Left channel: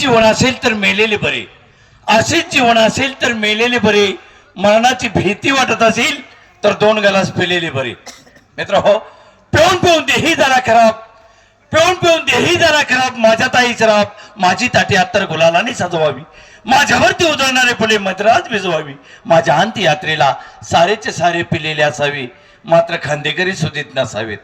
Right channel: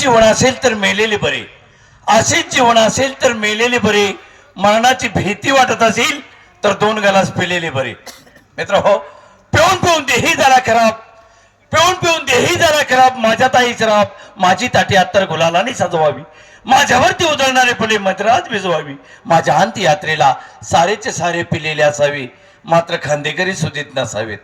जीवन असेल तर मेलेले बरे, असेच जीवन असेल तर मेलेले बरे, मरणाची भीती वाटत असेल तर 2 गलास पिलेले बरे. मित्र हो, पिऊन पिऊन देही झाला खराब, पिऊन पिऊन देही झाला खराब, माझ्या ताईच राब, माझी ताटी अत्तर गुलालाने सजवावी, माझ्यावरती उधळणारे फुले मद्रास भिजवावी, माझ्या अंत्ययात्रेला सारेचे सारे पिलेले असावे, मात्र खांदेकरी सुधीत नसावेत.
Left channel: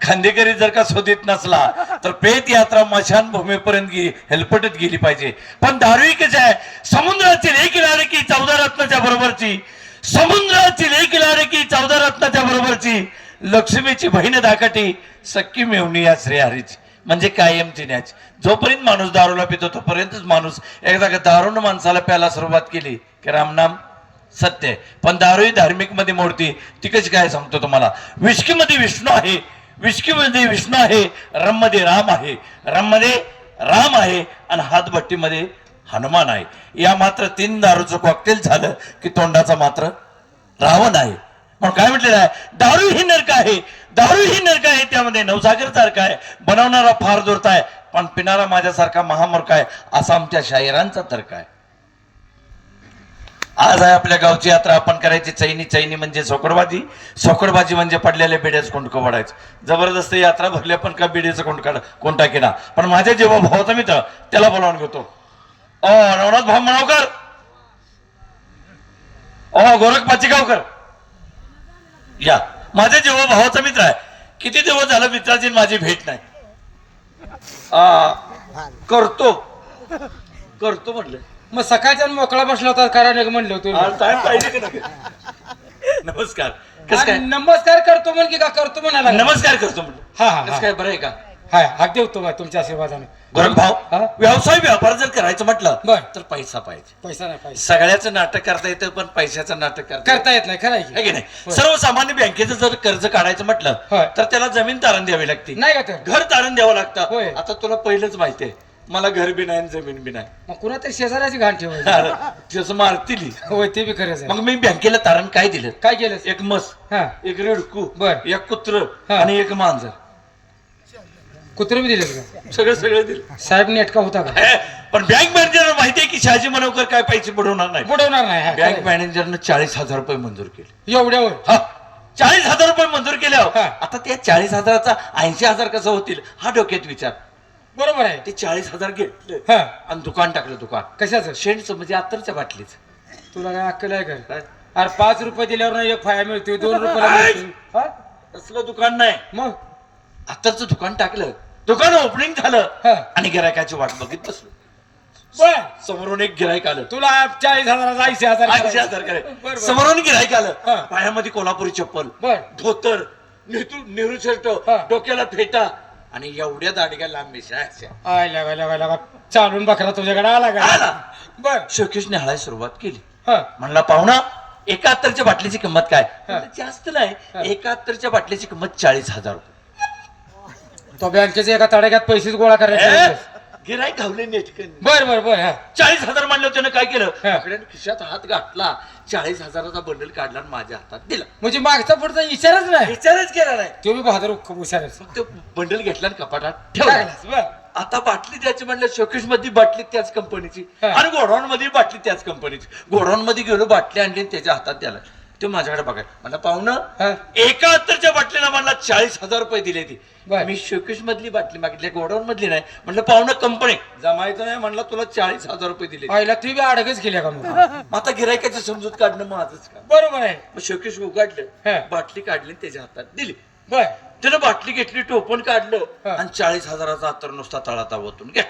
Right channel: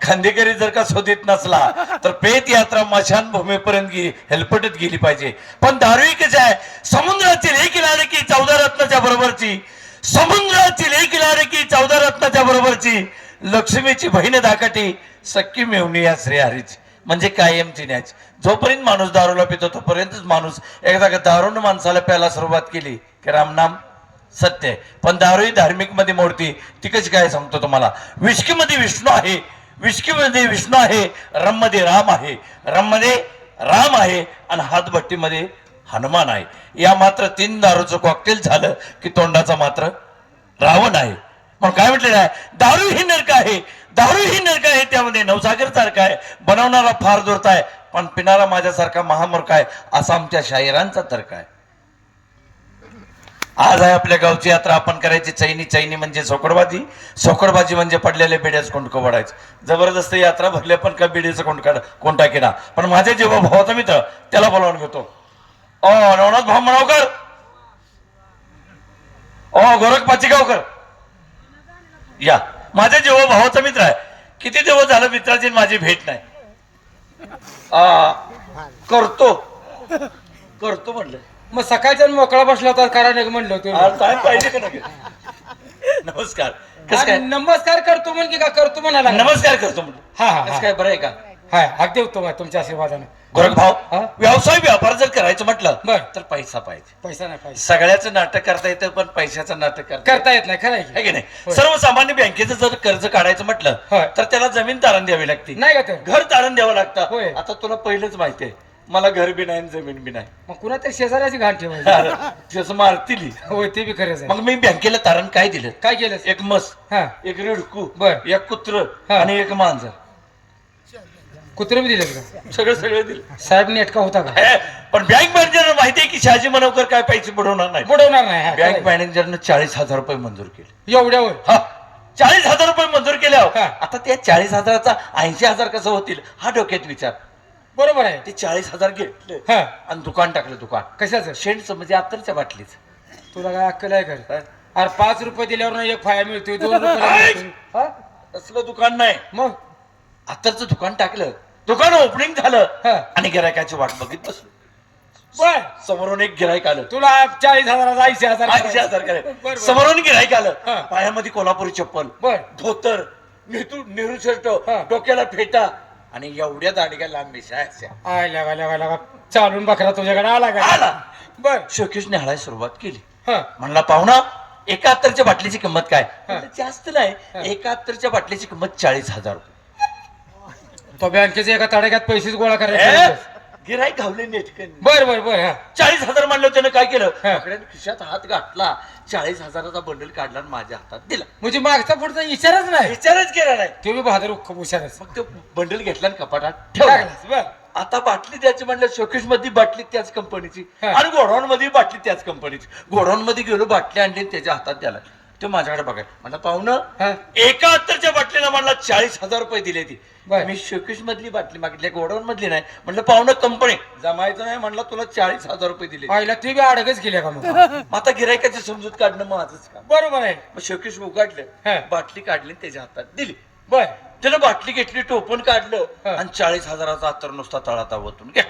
खांदेकरी जर का शोधित नसला तर पेट यात्रा मशान भूमीपर्यंत हेलपटत गेली पाहिजे. पण दारू कशी आहे, समुद्राची लेक लारे की 14 रत्नाच्या बरोबरची, समुद्राची लेक लारे की 14 रत्नाच्या बरोबरची, लक्ष्मीची बहीण धाकटी, सख्खी मेवणी या श्रीहरीची, म्हणजे कायमची न्याच. जोपर्यंत माणूस दारूला पितो तोपर्यंतच माणूस, एकदा का दारूनं माणसाला प्यायला सुरुवात केली की रामनाम सत्य आहे. पण दारू ही धार्मिक मध्ये मोडती. ती कशी काय सांगतो तुम्हाला. विस्की मध्ये विष्णू आहे, विस्की मध्ये विष्णू आहे, रम मध्ये राम आहे, रम मध्ये राम आहे, आणि हातभट्टीमध्ये हनुमान आहे. या मात्र 3 दारूचं कॉकटेल झालं की तोंडाचा मात्र रावण आहे. मग काय म्हटलेलं आहे, दारू ही नरक आहे, दारू ही नरक आहे, त्यामध्ये नवसागर सारखा आहे, बनवणारा फार दूरता आहे, पण पिणारा माझ्यासारखा महामूर्ख आहे, असा आमच्या शाहिरांचा तर्क आहे. आज आहे आपल्या गावची यात्रा. आपण करायची चैनी, चैनी म्हणजे सोकडबाजी, सोकडबाजी म्हणजे पडलेल्या बेड्याच कोंडकं वाढायचं. जबरदस्त यात्रा भरल्या पण का बेडीचं कोण टाकेना. पण माझ्या जेव्हा भावाचा मित्र त्याला बोलावून घेतो. ओ नवनाथ भाऊ मनावकर, ओ गोरख पाचीगावकर, या. माझ्या जेव्हा भावाचा मित्र आहे. किती दिवस झालं मित्राची माझी भेट नाही. करतो करतो म्हणलं. मग सकाळचा मोकळा बसला होता कारण एक म्हणलं तू काय पाहिजे का नाही. नमस्कार. कसं काय. नमस्कार करतो म्हण की का करतो म्हणाला. नमस्कार करतो म्हणलं. हा हा कसं काय, बरं आहे का. हा अगदी उत्तम आहे तुमच्या आशीर्वादाने. गोरख भाऊ, हा? व्यवसाय व्यापार जर करायचं म्हटलं बर. तर पैसा पाहिजे. पैसा नाही पाहिजे. सगळ्याचं नाटक करता येतं पण पैशाचं नाटक करता येत नाही. खरं आहे आहे की नाही. होय. सर्वसामान्य बँकेचं जर कर्ज काढायचं म्हटलं होय. तर त्याला जमीन तारण द्यावी लागते, नाही का तर घर तारण द्यावं लागतं. होय. आता तुला पहिलंच माहितीये, मला घर बी नाही आणि जमीन बी नाही. मग कुणा तरी शेजाऱ्याची घाण ठेवायची. जसं मारतील. होय ते बी खरंच आहे. मग मी बँकेला तारण काय दिलं. काय केलं. एक म्हस, हा एक रिडकू, बर. एक कुत्र हा. आणि एक मांजर. कुत्र बी दिले का सगळं दिलं. साहेब नेटका होता का. पण बँक मॅनेजर माहितीये की शहाजी मनोकर काय पैसे बुडवणार नाही. बुडवणार नाही. हा, बँक खरं मॅनेजरनं 40,000 रुपये मंजूर केले. आहे. एवढ्यावर हा, 40,000 रुपये मंजूर केल्यावर हा. आता त्या 40,000चा 80,000 कसं होतील हा डोक्यात विचार. बरोबर आहे. ते 40,000 घेतले हा आणि दुकान टाकलं. दुकान कशाचं. शेंडचं म्हणजे अत्तरच्या बाटलीच. तुला काय अक्कल आहे का. काय? अरे 5 रुपये दिल्यावर ना एक फाया मिळतो 2 रुपये. तसलं दुकान नाही, मग अत्तरचं दुकान टाकलं. दुकान ओपनिंग झालं हा. आणि गिरायकाची वाट बघित बसलो. बर समोरून एक गिरायक आलं. तुला 40,000 80,000 80,000 बर, बर. समोरून गिरायक हा. आलं. पायामध्ये कोल्हापुरी चप्पल, बर धोतर, नेहरू शर्ट, हा. डोक्याला फेटा आणि एवढ्या दाडग्या लांब मिशा. आय लगा लगा लगा चालून बकरा तुझ्याकडे आला का. आला. बर शोकेशने हळायला सुरुवात केली. हा म्हणला पाहुणा, एका अत्तरच्या बाटलीची किंमत काय. हा. म्हणलं, जास्त नाही. हा. एका अत्तरच्या बाटलीची किंमत 40,000 रुपये. तो बँकेचे एका तडाख्यात पैसेच गोळा करायचे. गिराईक घावले नेटकन. बर बर बर हा 40,000 म्हणलं. त्यानं काय केलं, हा. पकड्याने खिशात हात घातला, 40,000चा बंडल काढला आणि माझ्या हातात दिला. म्हणजे मागचा पुढचा विचारच नाही. विचारच केला नाही. तो बी बहादूर खूप हुशारच. मग तो बंडल घेतला आणि कपाटात ठेवला. बर आता बाटली त्याची म्हणलं, शोकेश मध्ये बाटली त्याच कंपनीची हा. आणि गोडाऊन मध्ये बाटली त्याच कंपनीची. गोडाऊन मध्ये गेलो, बाटली आणली आणि त्याच्या हातात द्याला. ते माझ्याकडे बघाय म्हणलं, पाहुणं हा. एका अत्तरच्या बाटलीला म्हणला 40,000 रुपये दिले. ती बर. मी शोकेश मधली बाटली मागितली, गोडाऊन मधली नाही. म्हणलं, पाहुणं कंपनी जमायचं नाही. म्हणलं, तुला 40,000 रुपये दिले. आईला तू बी अडगच केल्या का मग. मग आता गिरायकाची समजूत काढणं माझंच का. बरोबर आहे. मग शोकेश उघडलं, हा. बाटली काढली आणि त्याच्या हातात दिली. बर त्यानं बाटली घेतली, टोपण काढलं हा. आणि 40,000चा अत्तर नुसता तळाता वतून घ्या.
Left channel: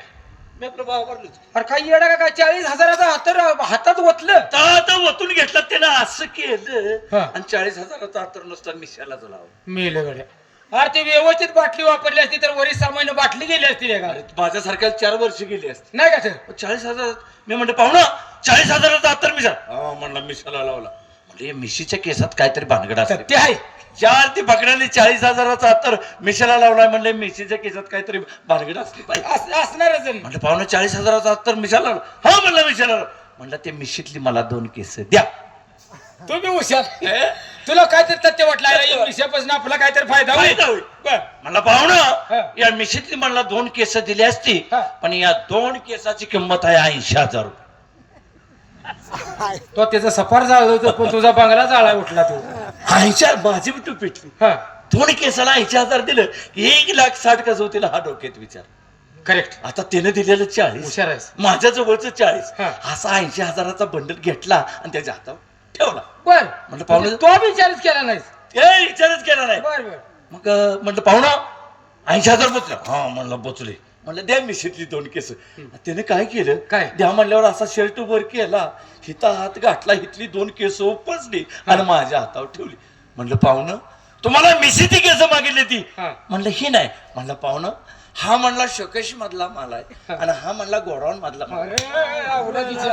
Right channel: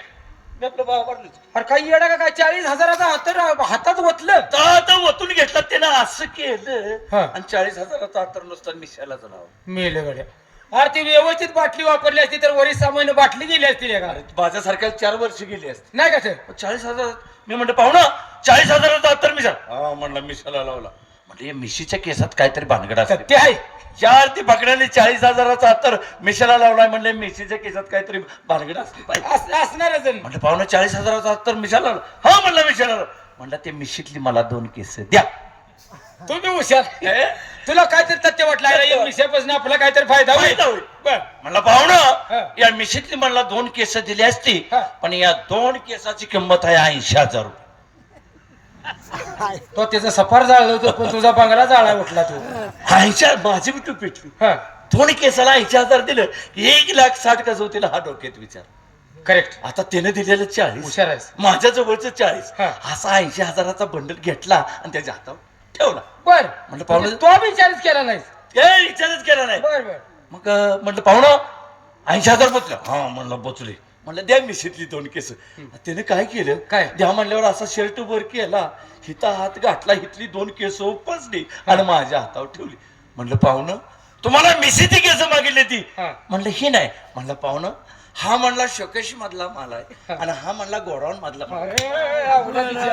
मी आपलं भाव वाढलो. अरे काही येडा का काय 40,000 हातर हातात ओतलं. तळाता वतून घेतला त्यानं, असं केलं हा. आणि 40,000चा अत्तर नुसता मिशाला लावला. मेले गड्या. अरे ती व्यवस्थित बाटली वापरली असती तर वरील सामान्य बाटली गेली असती का. अरे माझ्यासारख्या 4 वर्ष गेली असते. नाही का सर. 40,000 मी म्हणलं, पाहुणा 40,000चा अत्तर मिशा. हा म्हणलं, मिशाला लावला. म्हणजे मिशीच्या केसात काहीतरी भानगड असते. ते आहे. 4 ते पकडाने 40,000चा अत्तर मिशाला लावलाय. म्हणले मिशीच्या केसात काहीतरी भानगड असली पाहिजे. असणारच. म्हणलं, पाहुणा 40,000चा अत्तर मिशाला लावला. हा म्हणलं, मिशाला लावला. म्हणलं, ते मिशीतली मला 2 केस द्या. तू बी हुशार तुला काहीतरी तथ्य वाटलं या मिशापासून आपला काहीतरी फायदा फायदा होईल. बर म्हणलं पाहुणं हा. या मिशीतली मला 2 केस दिली असती हा. पण या 2 केसाची किंमत आहे 80,000 रुपये. तो त्याचं सफार जाळलं होतं पण तुझा बांगला जाळा उठला तू 80,000 माझी बी तू पिटली. हा 2 केसाला 80,000 दिलं की 1,60,000 कसं होतील हा डोक्यात विचार. करेक्ट आता त्याने दिलेलं 40 हुशार आहेस माझ्या जवळचं 40 हा. असा 80,000चा बंडल घेतला आणि त्याच्या हातावर ठेवला. बर म्हणलं पाहुणे तो विचारच केला नाहीस ते विचारच केला नाही. बर बर मग म्हटलं पाहुणं 80,000 बचले. हा म्हणलं बचले. म्हणलं द्या मिशीतली 2 केस. त्याने काय केलं काय? द्या म्हणल्यावर असा शर्ट वर केला हिता हात गाठला हितली 2 केस उपसली आणि माझ्या हातावर ठेवली. म्हणलं पाहुणं तुम्हाला मिशीची केस मागितली ती. हा. म्हणलं ही नाही. म्हणलं पाहुणं हा म्हणला शोकेशी मधला माल आहे आणि हा म्हणला गोडाऊन मधला माल आहे. अरे आवडीच्या.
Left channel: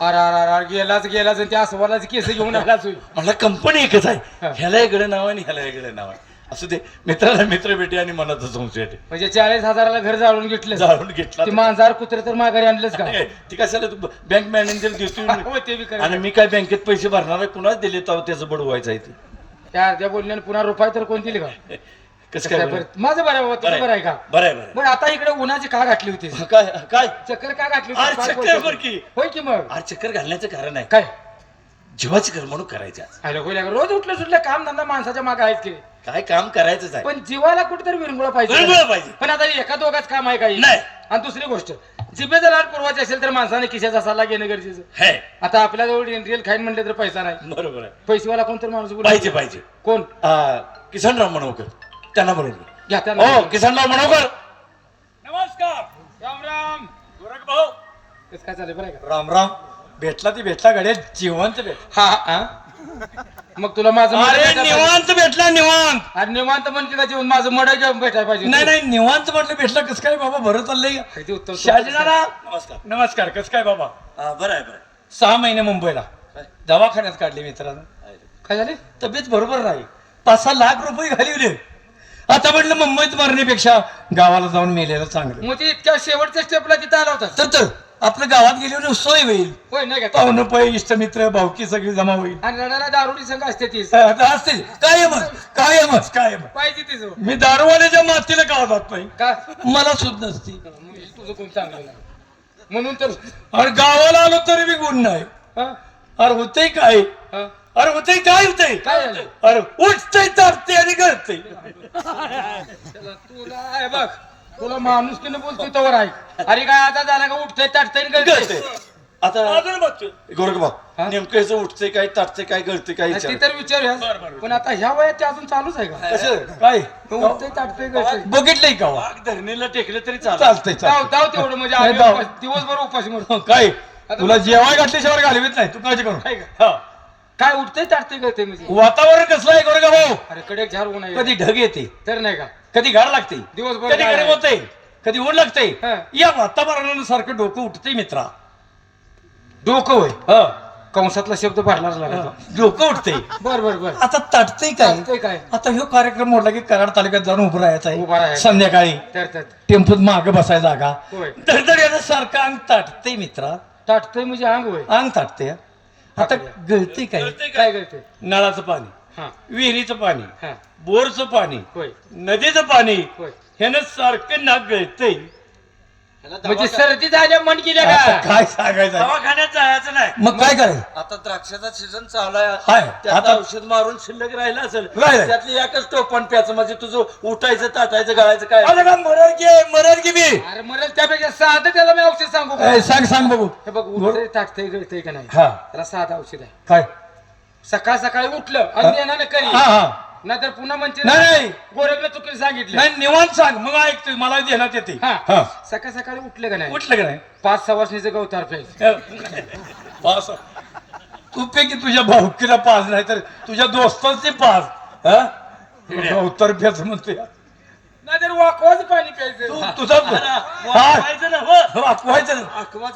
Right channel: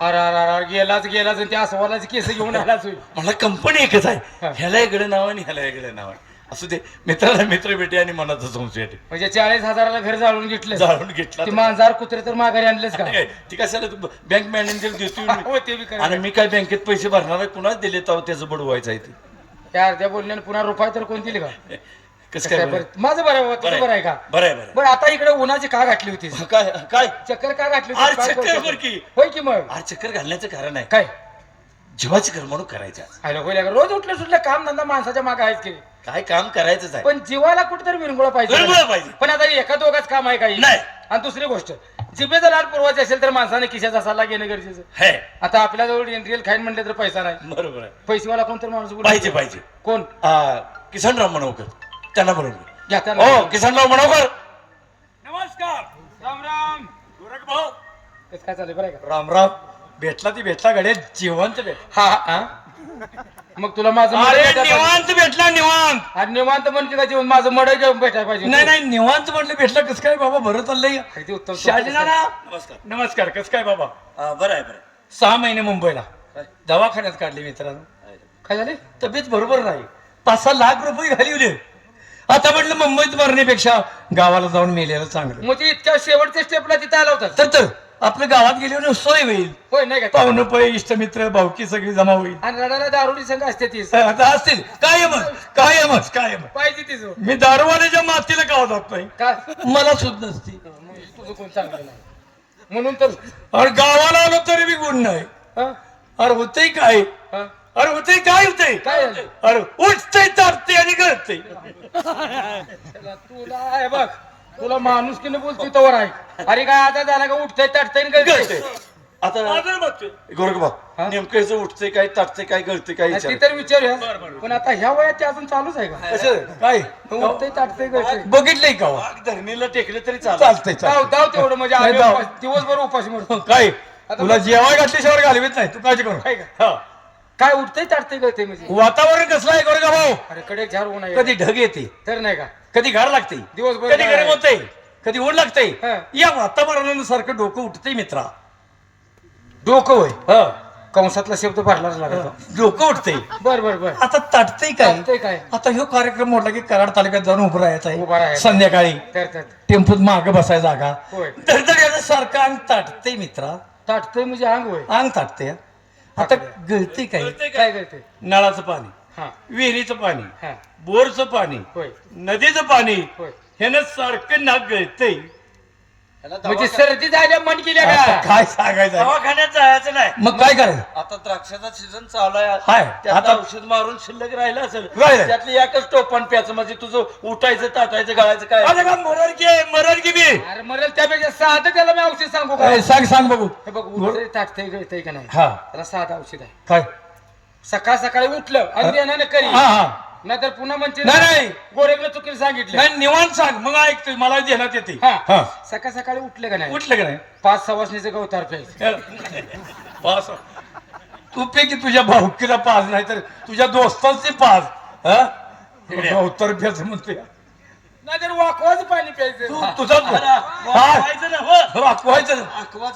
अरे अरे अरे गेलाच गेलाच आणि त्या अस्वलाची केस घेऊन आलाच होय. म्हणलं कंपनी एकच आहे हा. ह्याला वेगळं नाव आहे आणि ह्याला वेगळं नाव आहे. असू दे मित्राला मित्र भेटे आणि मनाचा संशय येते. म्हणजे 40,000ला घर जाळून घेतलं जाळून घेतला ते मांजर कुत्रे तर माघारी आणलेच का ती कशाला बँक मॅनेजर देतो हो, ते बी खरं. आणि मी काय बँकेत पैसे भरणार आहे कुणाच दिले तर त्याचं बडवायचं आहे ते. त्या अर्ध्या बोलण्याने पुन्हा रुपये तर कोण दिले का कसं काय बरं, माझं बरं आहे बाबा, तुझं बरं आहे का बरं आहे बरं बरं आता इकडे उन्हाची का घातली होती आहे. काय काय चक्कर का घातली अरे होती काय चक्कर बोलतो? बरं की. होय की मग आज चक्कर घालण्याचं कारण आहे काय जीवाची करमणूक करायची आज. आलं होय लागा. रोज उठलं सुटलं काम धंदा माणसाच्या मागे आहेच की काय काम करायचंच आहे पण जीवाला कुठेतरी विरंगुळा विरंगुळा पाहिजे पाहिजे. पण आता एका दोघाच काम आहे काही नाही. आणि दुसरी गोष्ट जिभेचा लाट पुरवायची असेल तर माणसाने खिशाचा सल्ला घेणं गरजेचं हे आता आपल्याजवळ रिअल खाईन म्हणलं तर पैसा नाही बरोबर आहे पैसेवाला कोणतरी माणूस बोलतो. पाहिजे पाहिजे कोण किसनराव मनोकर त्यांना म्हणून घ्या त्याला. हो किसनराव मनोकर नमस्कार राम राम गोरख भाऊ कसं काय चालेल बरं आहे का राम राम भेटला ती भेटला गड्या जिवंत भेट हा हा मग तुला माझं अरे मडं भेटायला निवांत भेटला निवांत पाहिजे. अरे निवांत म्हणते का जेवण माझं मड भेटायला पाहिजे नाही नाही निवांत म्हटलं भेटलं कसं काय बाबा बरं चाललंय किती उत्तम शहाजीदादा नमस्कार नमस्कार कसं काय बाबा बरं आहे बरं 6 महिने मुंबईला दवाखान्यात काढले मित्रांनो काय झाले तब्येत बरोबर नाही 5-6 लाख रुपये घालवले आता म्हटलं मुंबईत मरण्यापेक्षा गावाला जाऊन मेलेलं चांगलं मग ते इतक्या शेवटच्या स्टेपला तिथे आला होता तर आपलं गावात गेल्यावर सोय होईल होय नाही का पाहुणं पै इष्टमित्र भावकी सगळी जमा होईल आणि रडाला दारुडी संघ असते तीच आता असतील कायमच पाहिजे तिचं मी दारूवाल्याच्या मातीला गाव जात नाही का मला सुद्धा नसती तुझं कोण चांगलं नाही. म्हणून तर अरे गावाला आलो तरी बी गुण नाही हा? अरे होतंय काय हा? अरे होतंय काय होतंय काय झालं? अरे उठतंय तरते आणि गळतंय तुला आहे बघ तुला माणूस की बोलतोय तवर आहे अरे काय आता झाला का उठतंय ताटतंय आणि गळतंय. गळतंय. आता गोरखबा हा? नेमकं याचं उठतंय काय ताटतंय काय गळतंय काय ती विचार तर विचारूया पण आता ह्या वयात ते अजून चालूच आहे का कसं काय उठतंय ताटतंय गळतंय बघितलंय का वा? आग धरणीला टेकलं तरी चालत चालतंय दाव चालतंय. दाव तेवढं म्हणजे नाही, आम्ही दाव. उपास- दिवसभर उपाशी म्हणतो काय तुला जेवाय घातल्याशिवाय घालवीत नाही तू काळजी करू काय ग? हा. काय उठतंय ताटतंय गळतंय म्हणजे वातावरण कसलं आहे गोरगा भाऊ अरे कडे झाड ऊन आहे कधी ढग येते तर नाही का कधी गार लागते दिवसभर कधी गार गरम आहे. होते कधी ऊन लागते हा. या वातावरणासारखं डोकं उठतंय मित्रा डोकं होय हा कंसातला शब्द भरलाच लागला डोकं उठतंय बर बर बर आता ताटतंय काय ताटतंय काय आता ह्यो कार्यक्रम मोडला की कराड तालुक्यात जाऊन उभं उभं राहायचं आहे राहायचं. संध्याकाळी तर तर टेम्पोत मागे बसाय जागा होय धडधड सारखं अंग ताटतंय मित्रा ताटतंय म्हणजे अंग होय अंग ताटतंय आता गळतंय काय काय करते नळाचं पाणी हा विहिरीचं पाणी हा बोरचं पाणी होय नदीचं पाणी होय ह्यानं सारखं नाक गळतंय म्हणजे सर्दी झाल्या मन केल्या आता का काय सांगायचं आहे? दवाखान्यात जायचं नाही मग काय करायचं आता द्राक्षाचा सीझन चालू आहे हाय, त्यात आता- औषध मारून शिल्लक राहिलं असेल राहिलं. त्यातली एकच टोपण प्याचं म्हणजे तुझं उठायचं ताटायचं गाळायचं काय अरे बा, मरण की बी अरे मरेल त्यापेक्षा साधं त्याला मी औषध सांगू का ए, सांग बघू हे बघ उठतंय ताटतंय गळतंय का नाही हा त्याला साधं औषध आहे काय सकाळ सकाळी उठलं आणि देणार करी हा हा नाहीतर पुन्हा म्हणते नाही. गोरखला चुकीला सांगितलं नाही निवांत सांग मग ऐकतो मला ध्यानात येते हा हा सकाळ सकाळी उठलं का नाही उठलं का नाही 5 सवासणीचं गवतार प्यायचं पास तू पैकी तुझ्या भाऊकीला पास नाही तर तुझ्या दोस्तांचे पास हा उत्तर फेच म्हणतोय नाहीतर वाकवाचं पाणी प्यायचं तू तुझा वाकायचं ना, हो. वाकवायचं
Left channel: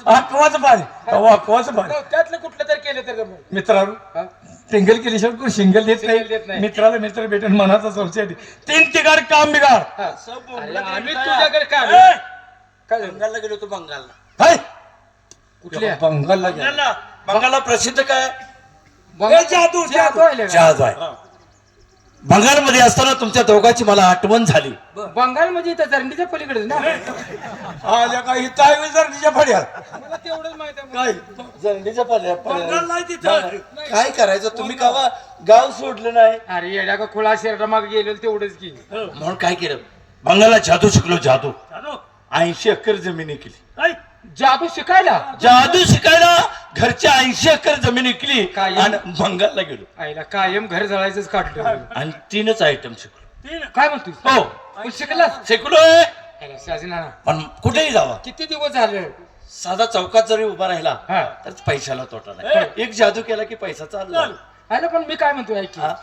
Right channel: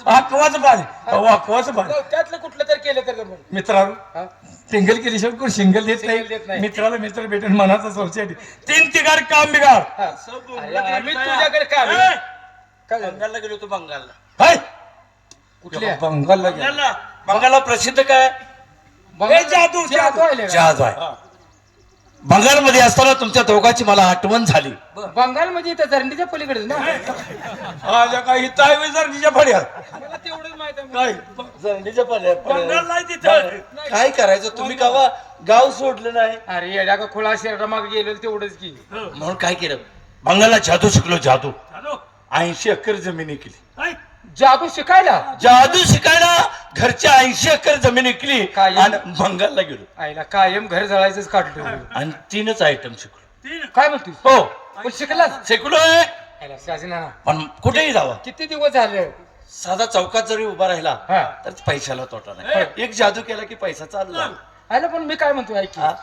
वाकवाचं पाणी वाकवाचं पाणी त्यातलं कुठलं तर केलं तर जमलं. मित्रांनो हा? सिंगल केली कोण सिंगल देत Single देत नाही नाही. मित्राला मित्र भेटून मनाचा सोसायटी 3 तिगार काम बिगाड हा. सब अरे, बोंबलत आम्ही येत तुझ्याकडे काय ए, काय झालं? बंगालला गेलो तू बंगालला काय कुठल्या बंगालला गेला. बंगालला प्रसिद्ध काय जादू आहे. जहाज आहे. बंगालमध्ये असताना तुमच्या दोघांची मला आठवण झाली. बंगाल म्हणजे इथं जर्नीच्या पलीकडे ना. आल्या काही ताय जर्नीच्या फड्यात मला तेवढंच माहिती आहे. काय जंगलीच्या बंगाल नाही तिथं. काय करायचं तुम्ही गावा गाव सोडलं नाही अरे येड्या का खुळा शहरामाग गेलो तेवढंच की. म्हणून काय केलं बंगालला जादू शिकलो. जादू 80 एकर जमीन केली. जादू शिकायला जादू शिकायला घरच्या 80 एकर जमीन विकली काय? आणि बंगालला गेलो आईला कायम घर जळायचंच काढलं. आणि 3च आयटम शिकलो. काय म्हणतोस? हो पण शिकलास? शिकलोय. आईला साजना, पण कुठेही जावा किती दिवस झाले? साधा चौकात जरी उभा राहिला हा. तर पैशाला तोटा नाही. एक जादू केला की पैसा चालला. अरे पण मी काय म्हणतोय ऐक की. हा?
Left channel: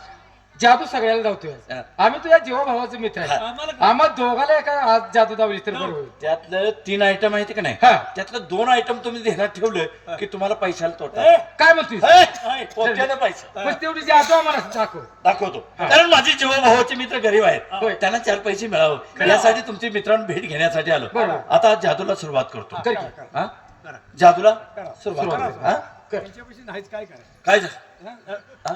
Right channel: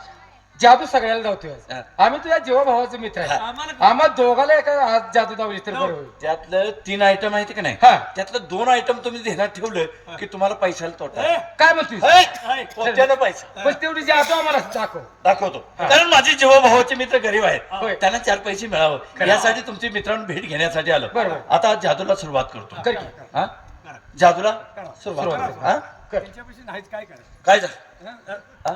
जादू सगळ्याला जातोय. हा. आम्ही तुझ्या जीवा भावाचे मित्र आहे. आम्हा दोघाला एका आज जादू दावली तर बरं होईल. त्यातलं 3 आयटम माहिती का नाही हा. त्यातलं 2 आयटम तुम्ही ध्यानात ठेवलं की तुम्हाला पैशाला तोटा आहे. काय म्हणतोस? पोत्यानं पैसा पण तेवढी जादू आम्हाला दाखव. दाखवतो. कारण माझे जीवाभावाचे मित्र गरीब होय. आहेत त्यांना 4 पैसे मिळावं यासाठी तुमची मित्रांनो भेट घेण्यासाठी आलो. बरोबर. आता जादूला सुरुवात करतो. कर की. हा? जादूला सुरुवात करतो. हा? काय हा?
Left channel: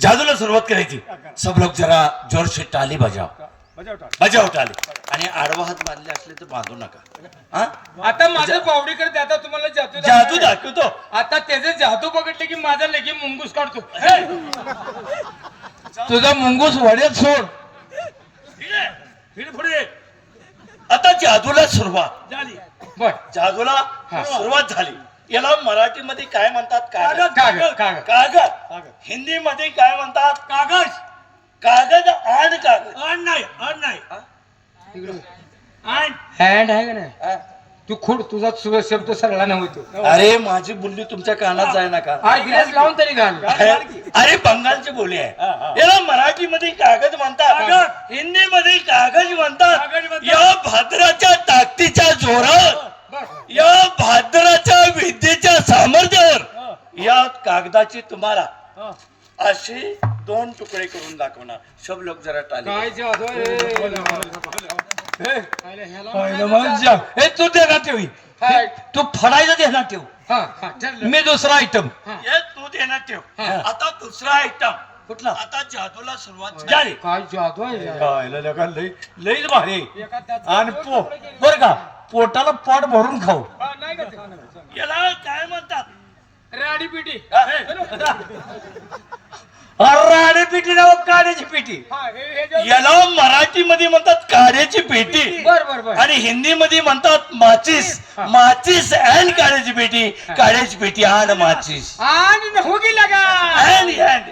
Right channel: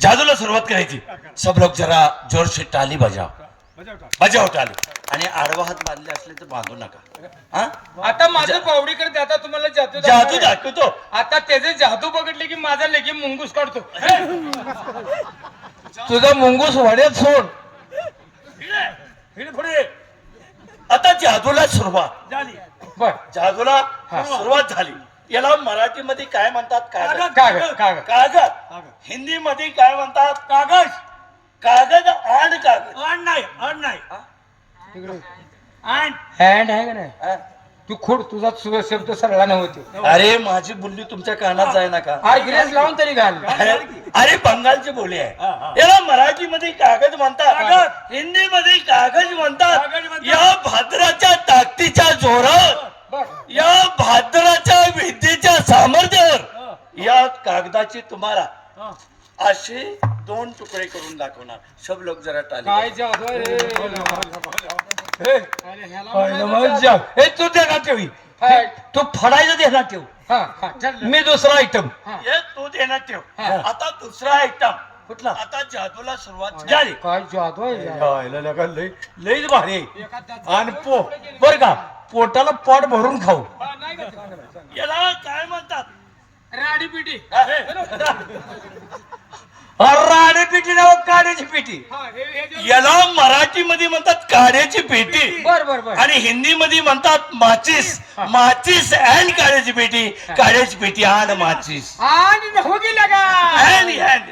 जादूला सुरुवात करायची. सब लोग जरा जोर से टाली बजाव बजाव टाली आणि आडवा हात बांधले असले तर बांधू नका. हा? आता माझं पावडी करत आता तुम्हाला जादू जादू दाखव. दाखवतो. आता त्याचे जादू बघितले की माझा लगे मुंगूस काढतो. तुझा मुंगूस वड्यात सोड. आता जादूला सुरुवात बर. जादूला सुरुवात झाली. याला मराठीमध्ये काय म्हणतात? कागद. कागद कागद कागद. हिंदीमध्ये काय म्हणतात? कागद. कागद आण कागद आण नाही तिकडे हँड आहे का नाही? तू खोड तुझा शब्द सरळा नव्हतो. अरे माझी बुल्ली तुमच्या कानात जाय नका. अरे गिलास लावून तरी घाल. अरे बंगालची बोली आहे. याला मराठीमध्ये कागद म्हणतात. हिंदीमध्ये कागज म्हणतात. या भाद्राच्या ताकदीच्या जोरावर बर. या भाद्राच्या विद्येच्या सामर्थ्यावर या कागदाची तुम्हाला असे 2 तुकडे करून दाखवणार. सब लोक जरा टाली. काय जादू आहे रे? अरे ह्याला म्हणायचं तू देणार ठेव. हाय. तू फडायचं देणार ठेव. हा, हा, ठरलं. मी दुसरा आयटम. हे तू देण्यात ठेव. हा. आता दुसरा आयटम कुठला? आता जादूला सुरुवात झाली. झाली. काय जादू आहे यार. लईच भारी. आणि बर का पोटाला पोट भरून खाऊ. याला काय म्हणतात? राडी पिटी. राणी पेटी ना काड्याची पेटी. याला मराठीमध्ये म्हणतात काड्याची पेटी बर बर बर. आणि हिंदीमध्ये म्हणतात माचीस. माचीस अँड काड्याची पेटी. काड्याची पेटी आणि माचीस. आणि हो गेला का? Hand hand.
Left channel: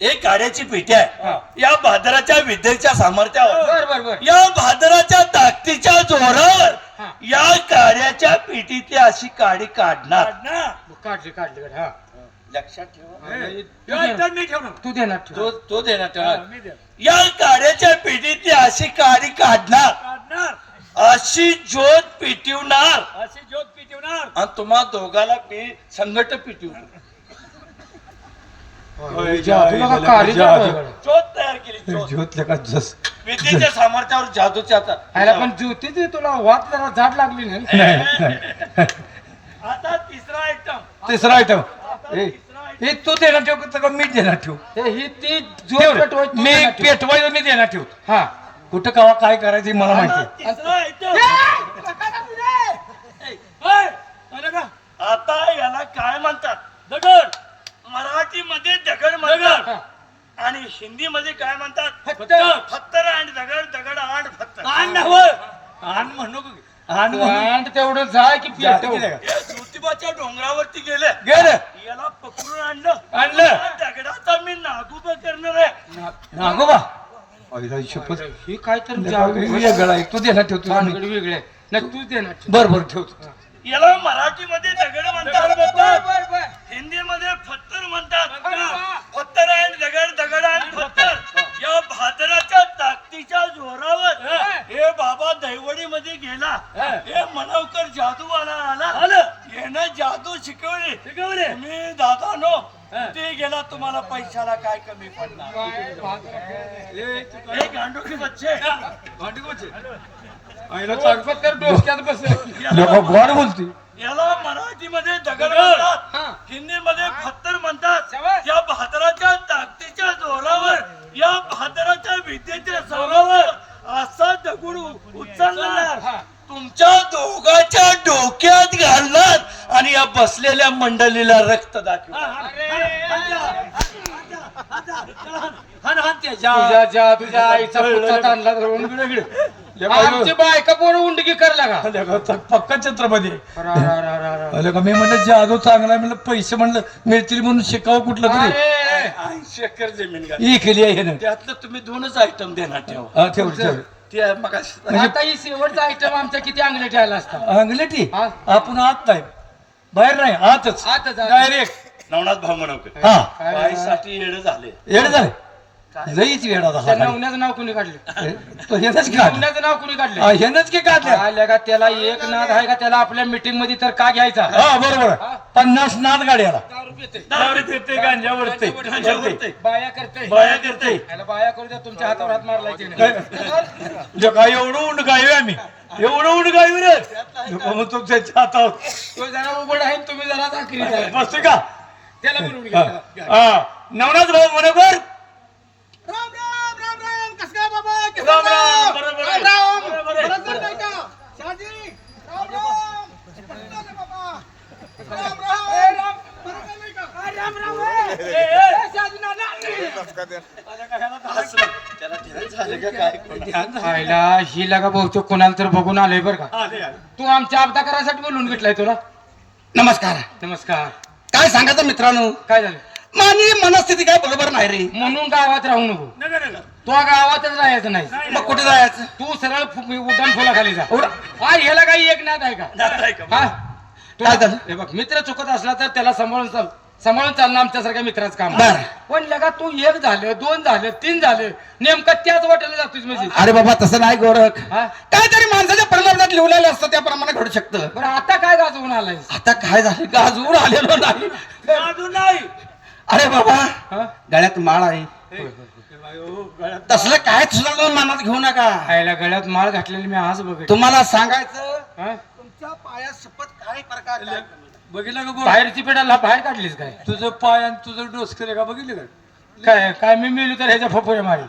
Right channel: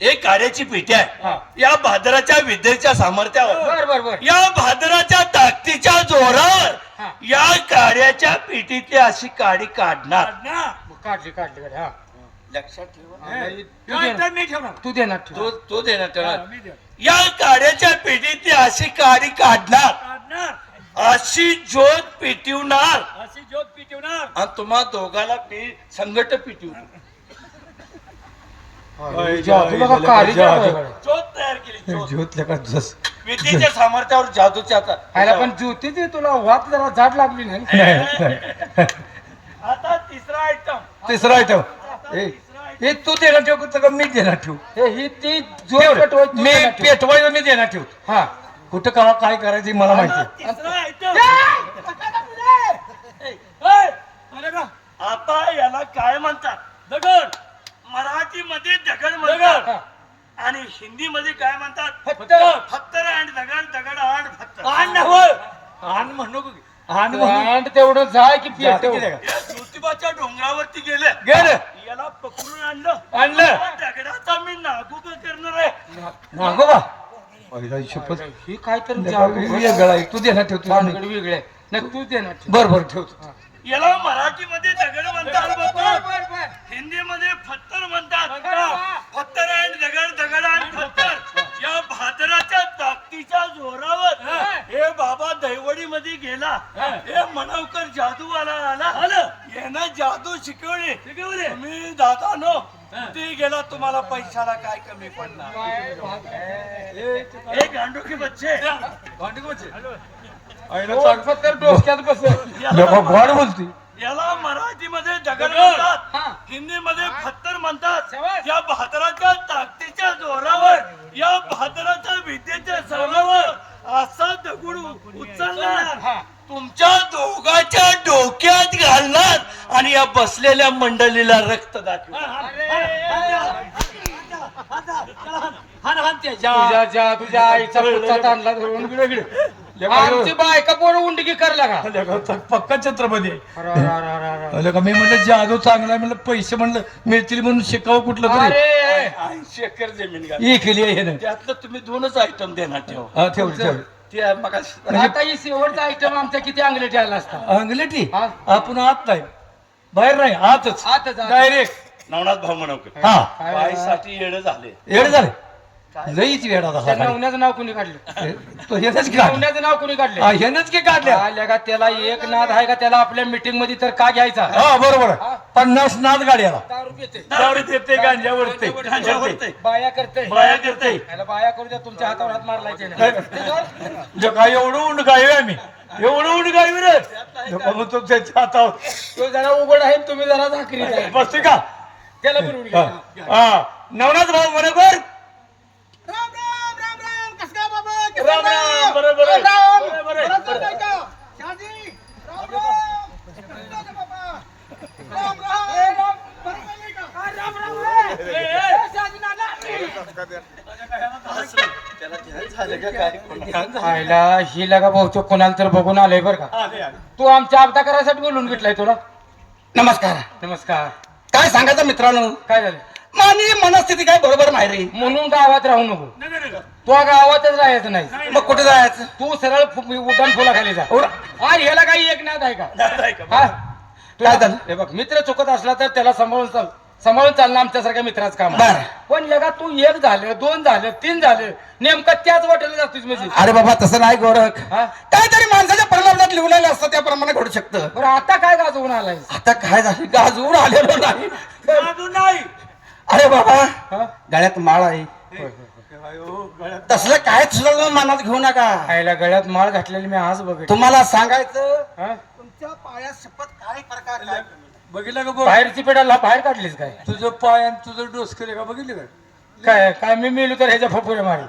एक काड्याची पेटी आहे. या भादराच्या विद्येच्या सामर्थ्यावर बर बर बर. या भादराच्या ताकदीच्या जोरावर या काड्याच्या पेटीतली अशी काडी काढणार. काढली काढली बर. हा. लक्षात ठेवा. तू देणार ठेव. तो देणार त्याला. या काड्याच्या पेटीतली अशी काडी काढणार. अशी ज्योत पेटवणार आणि तुम्हा दोघाला संगट पेटवणार. जादूला का काडी जादू? ज्योत तयार केली. विद्येच्या सामर्थ्यावर जादूच्या ह्याला पण ज्योतीची तुला वाट जरा झाड लागली नाही. आता तिसरा आयटम. तिसरा आयटम. हे तू देणार ठेव का मी देणार ठेव? ही ती जोर पेटवायची. मी पेटवायला मी देणार ठेव. हा. कुठं कवा काय करायचं मला माहिती. तिसरा आयटम. आता याला काय म्हणतात? दगड. मराठीमध्ये दगड म्हणतात आणि हिंदीमध्ये काय म्हणतात? फत्तर आणि दगड आणि फत्तर. आण म्हणू आणि तेवढं जाय की पेटव. ज्योतिबाच्या डोंगरावरती गेले. याला पकडून आणलं. दगडाचा मी नागोबा करणार आहे. नागोबा पहिला शपथ. ही काय तर वेगळा आहे. तू देणार ठेव. तू वेगळे न तू देणार ठेव. बर बर ठेवतो. याला मराठीमध्ये दगड म्हणतात. हिंदीमध्ये फत्तर म्हणतात. फत्तर आणि दगड आणि फत्तर. या भादराच्या ताकदीच्या जोरावर हे बाबा दैवडी मध्ये गेला. हे मनवकर जादूवाला आला. यानं जादू शिकवली. मी दादानो ते गेला. तुम्हाला पैशाला काय कमी पडणार? हे गांडू की बच्चे. तर डोक्यात बसेल. गोड बोलते. याला मराठीमध्ये दगड म्हणतात. हिंदीमध्ये खत्तर म्हणतात. शाबास. या बहादराच्या ताकदीच्या जोरावर, या बहादराच्या विद्येच्या जोरावर असा दगड उचलणार, तुमच्या दोघांच्या डोक्यात घालणार आणि या बसलेल्या मंडळीला रक्त दाखवणार. तुझ्या आईचा पुढचा तांदळा धरून आमची बायका पोरं उंडकी करला का पक्का छत्रपती आलं का मी म्हणलं जादू चांगला म्हणलं पैसे म्हणलं मिळतील म्हणून शिकावं कुठलं तरी अरे 80 एकर जमीन घाल. ही केली आहे ना त्यातलं तुम्ही 2च आयटम देणार ठेवा. ठेव ठेव ते मग आता ही शेवटचा आयटम आमच्या किती अंगलटी आला असता अंगलेटी हा. आपण आत नाही बाहेर नाही आतच आतच, आतच. डायरेक्ट नवनाथ भाऊ म्हणतो हा बाईसाठी येडं झाले. येड झालं लईच वेळ त्या आता नवण्याचं नाव कुणी काढलं तो हेच की काढलं नवण्याचं नाव कुणी काढलं हेच की काढल्या आल्या का त्याला एक नाद आहे का त्याला आपल्या मीटिंग मध्ये तर का घ्यायचा हा बरोबर 50 नाद गाड्याला दारू पिते दारू पिते, गांजा ओढते, गांजा ओढते, बाया करते बाया करते. याला बाया करू द्या तुमच्या हातावर हात मारलायचे नाही. जे काय एवढं उंड गाय आम्ही एवढं उंड गाय रे मग तो त्याच्या हातावर तो जरा उघड आहे तुम्ही जरा झाकरी आहे. बसते का त्याला बोलून घ्या. हा नवनाथ भाऊ बरोबर राम राम, बरोबर आहे. बरोबर आहे. त्याला ध्यान झालं का काय? आईला ही लगा बहुतेक कोणाला तर बघून आलंय बरं का तू आमच्या अब्दा करायसाठी बोलून घेतलाय तुला. नमस्कार नमस्कार. काय सांगायचं मित्रांनो काय झालं माझी मनस्थिती काय बरोबर नाही रे म्हणून गावात राहू नको. नका, नका. तू गावातच राहायचं नाही. मग कुठे जायचं तू सरळ उड्डाण फुलाखाली जा. अरे ह्याला काही एक नाद आहे का दादा आहे का? हा तू काय झालं? हे बघ मित्र चुकत असला तर त्याला सांभाळून चालणं आमच्यासारख्या मित्राचं काम आहे. बरं. पण लगा तू 1 झालं 2 झालं 3 झालं नेमका त्याच वाटेला जातोच म्हणजे अरे बाबा तसं नाही गोरख हा? काहीतरी माणसाच्या प्रमाणात लिहिलेलं असतं त्याप्रमाणे घडू शकतं बरं आता काय गाजवून आलाय आता काय झालं गाजवून आलेलो नाही जादू नाही. अरे बाबा हा? गळ्यात माळ आहे तसलं काय तुझं मनात घेऊ नका आईला गळ्यात माळ घातलेली मी आज बघ तुम्हाला सांगायचं बाहेरची तुमच्या पायात शपथ काय प्रकार आहे? बघितलं का गोड? पेडाला बाहेर काढलीस काय तुझं पाय आणि तुझं डोसकं का बघितलं का काय काय मी मिळू तर ह्याच्या फपुऱ्या मारी.